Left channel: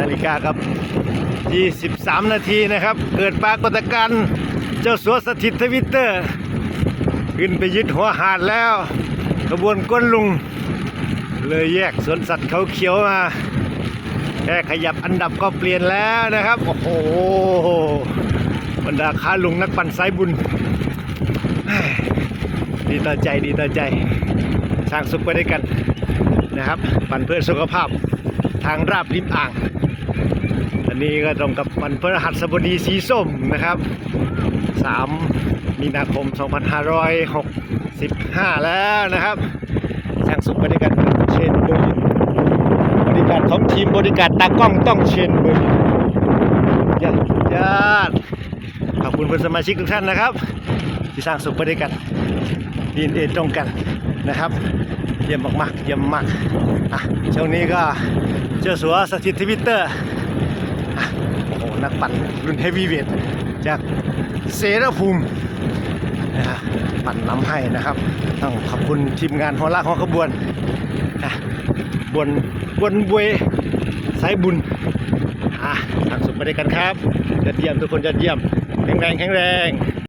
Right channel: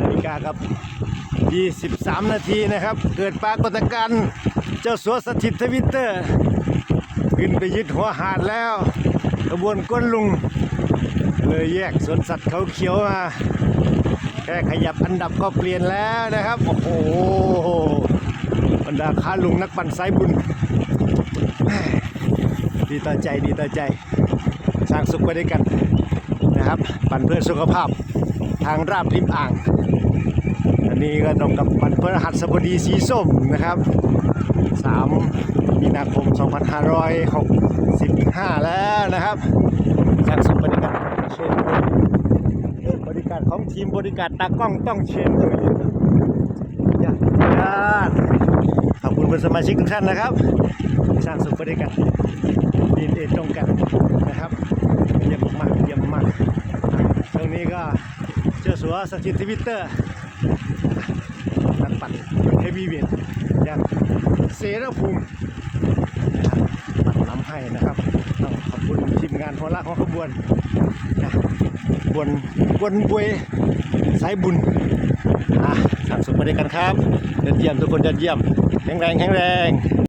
นาฬิกาครับ 23 นาทีนะครับ เกิดปรากฏการณ์เจ้าสัวสถิตทวิตเตอร์ ขึ้นไปยึดหัวหาดแล้วขบวนก้นลุง เลยแยกสวนสัตว์เขาเขียวมา แค่ขยับอันดับก็เปลี่ยนแล้วนะครับ โอ้โหบรรดาค้าลุงนักปั่นสายบุญ ดีต่อใจดีต่อใจ สร้างสุขไปด้วยกันนะครับ ปั่นเพื่อสุขภาพ ทางราบริมอ่าง อันนี้ก็ตรงกับวันพฤหัสบดีสีส้มนะครับ 3 มีนาคม 2565 แล้วนะครับสร้างสุขไปด้วยกันเชนเบริบริการของทีมบริการตากล้องต้องเชนเบริยอดยอดขอบคุณเพื่อนสมาชิกทุกท่านนะครับที่สร้างสุขไปด้วยกันดีเอตรงกันนะครับ เยี่ยมมากๆเยี่ยมมากช่วงนี้ก็ เจ้าสัวสถิตทวิตเตอร์อะนักปั่นรุ่นเฮฟวีเวทจากเสรภูมินะฮะปั่นน้ำให้นะครับ ต้องขอบคุณทีมงานหัวลากของขบวนนะบวนบวนบวยสายบุญอะทางสุขไปด้วยกันครับยอดเยี่ยมทุกคนยอดเยี่ยม แข็งแรงแข็งแรง